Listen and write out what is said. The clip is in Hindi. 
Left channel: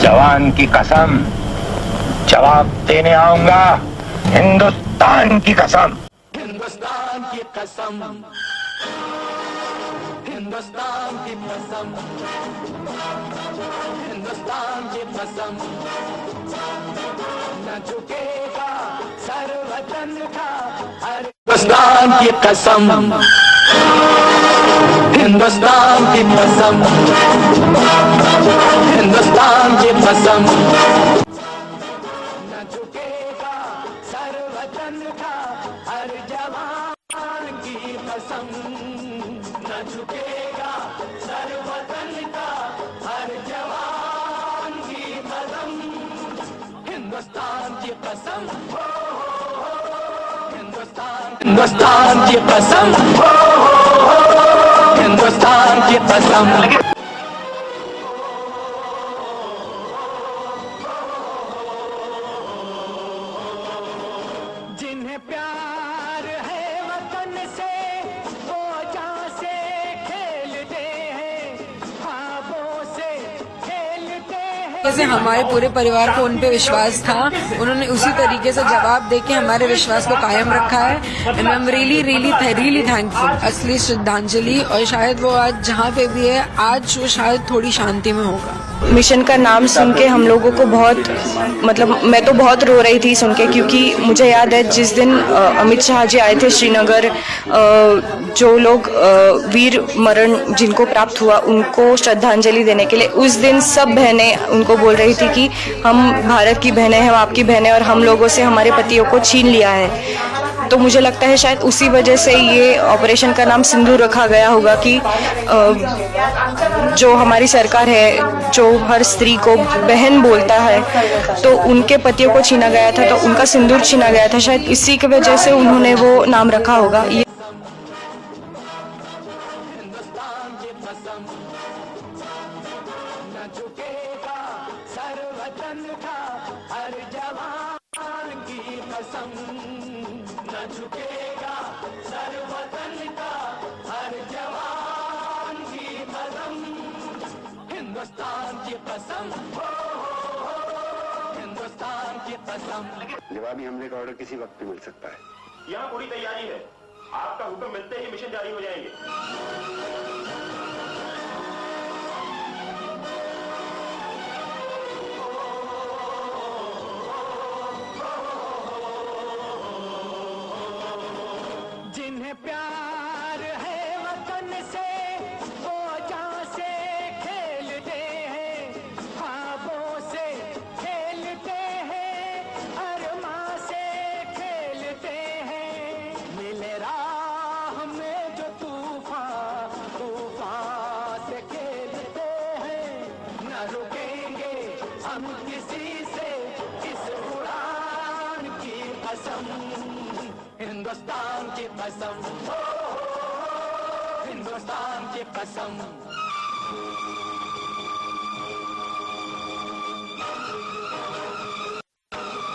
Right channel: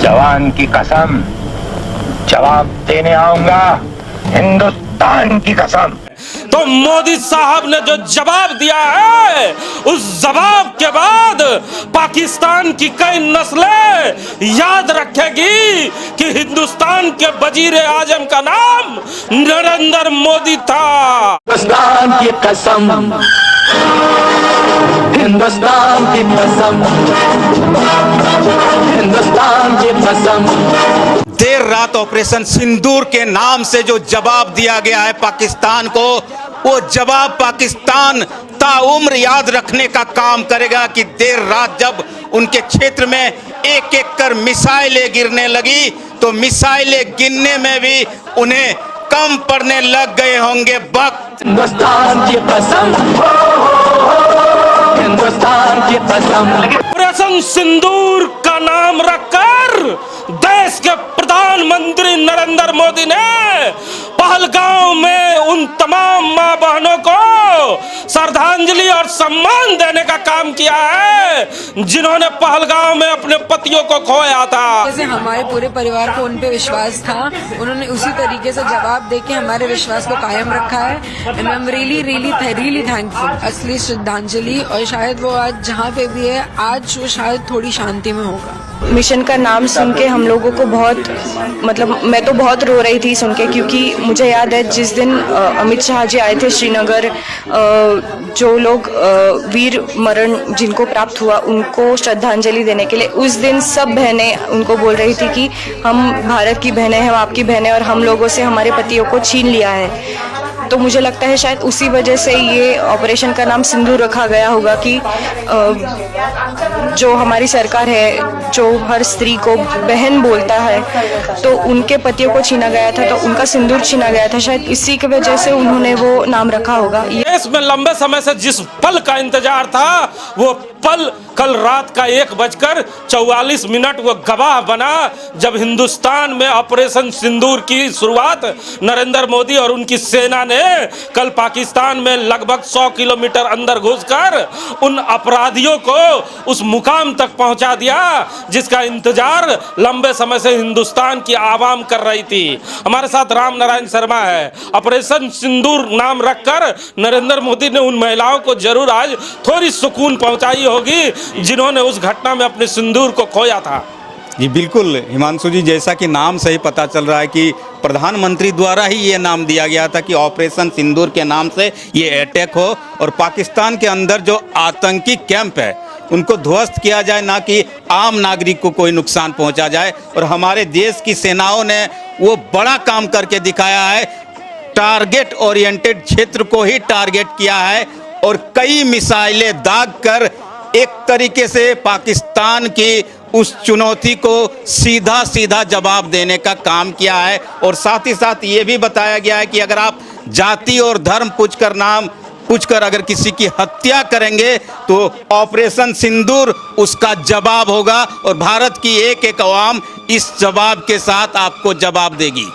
जवान की कसम, जवाब देने आऊंगा, हिंदुस्तान की कसम। तो मोदी साहब ने जो जवाब दिया है, उस जवाब के बाद पाकिस्तान की कई नस्लें याद रखेगी कि हिंदुस्तान के वजीर आजम का नाम नरेंद्र मोदी था। हिंदुस्तान की कसम, हिंदुस्तान की कसम, हिंदुस्तान की कसम। देर रात ऑपरेशन सिंदूर के नाम से जो जवाब दिया गया है पाकिस्तान को, वो जवाब पाकिस्तान ताउम्र याद रखने का काम करेगा कि देर रात जब उनके क्षेत्र में एक एक कर मिसाइलें गिरने लगी तो मिसाइलें गिनने में भी उन्हें कम पड़ने लग गए होंगे वक्त। हिंदुस्तान की कसम, हिंदुस्तान की कसम। ऑपरेशन सिंदूर का नाम रखकर देश के प्रधानमंत्री नरेंद्र मोदी ने पहलगांव में उन तमाम मां बहनों को श्रद्धांजलि और सम्मान देने का काम किया है जिन्होंने पहलगांव में अपने पतियों को खोया था। जैसे हमारे पूरे परिवार को उन पे विश्वास था, उन्होंने उसी तरीके से जवाब देके हमारे विश्वास को कायम रखा है। And I am really thankful. असली श्रद्धांजलि, और शायद वो आज जहाँ पे भी है, आज वो शायद थोड़ी शांति में होगा। मिशन का नाम सुन के हम लोगों को बहुत, मतलब मैं तो बहुत रो रही थी सुन के, क्योंकि मुझे याद है जिस दिन अमित शाह जी आए थे श्रीनगर, जो लोग वीर मरण जिनको प्राप्त हुआ उनको श्रद्धांजलि देने के लिए, उस दिन सब बहनें उनको बोल रही थी कि हम भारत की बहनें हैं, हम आपकी बहनें, और हम लोगों से हमारे पतियों को छीन लिया है। तो मुझे लगता है शायद उसी वजह से ये ऑपरेशन का नाम सिंदूर रखा गया होगा कि जो हमारी सरकार है, जो हर स्त्री को बहन बोलता है, तो उनके पतियों को छीना गया था, तो उनका सिंदूर छीना गया था, शायद इसी की वजह से उन्होंने वो नाम रखा होगा। देश में लंबे समय से जिस पल का इंतजार था, वो पल कल रात का 1:44 वो गवाह बना जब हिंदुस्तान में ऑपरेशन सिंदूर की शुरुआत नरेंद्र मोदी और उनकी सेना ने कल पाकिस्तान में लगभग 100 किलोमीटर अंदर घुसकर उन अपराधियों को उस मुकाम तक पहुंचा दिया जिसका इंतजार लंबे समय से हिंदुस्तान की आवाम कर रही थी। हमारे साथ राम नारायण शर्मा है। ऑपरेशन सिंदूर नाम रखकर नरेंद्र मोदी ने उन महिलाओं को जरूर आज थोड़ी सुकून पहुंचाई होगी जिन्होंने उस घटना में अपने सिंदूर को खोया था। जी बिल्कुल हिमांशु जी, जैसा कि नाम से ही पता चल रहा है कि प्रधानमंत्री द्वारा ही ये नाम दिया गया था कि ऑपरेशन सिंदूर के नाम से ये अटैक हो और पाकिस्तान के अंदर जो आतंकी कैंप है उनको ध्वस्त किया जाए, ना कि आम नागरिक को कोई नुकसान पहुंचा जाए। और हमारे देश की सेनाओं ने वो बड़ा काम करके दिखाया है, टारगेट ओरिएंटेड क्षेत्र को ही टारगेट किया है और कई मिसाइलें दाग कर एक तरीके से पाकिस्तान की उस चुनौती को सीधा सीधा जवाब देने का काम किया है। और साथ ही साथ ये भी बताया गया है कि अगर आप जाति और धर्म पूछकर अगर किसी की हत्या करेंगे तो ऑपरेशन सिंदूर उसका जवाब होगा और भारत की एक एक अवाम इस जवाब के साथ आपको जवाब देगी।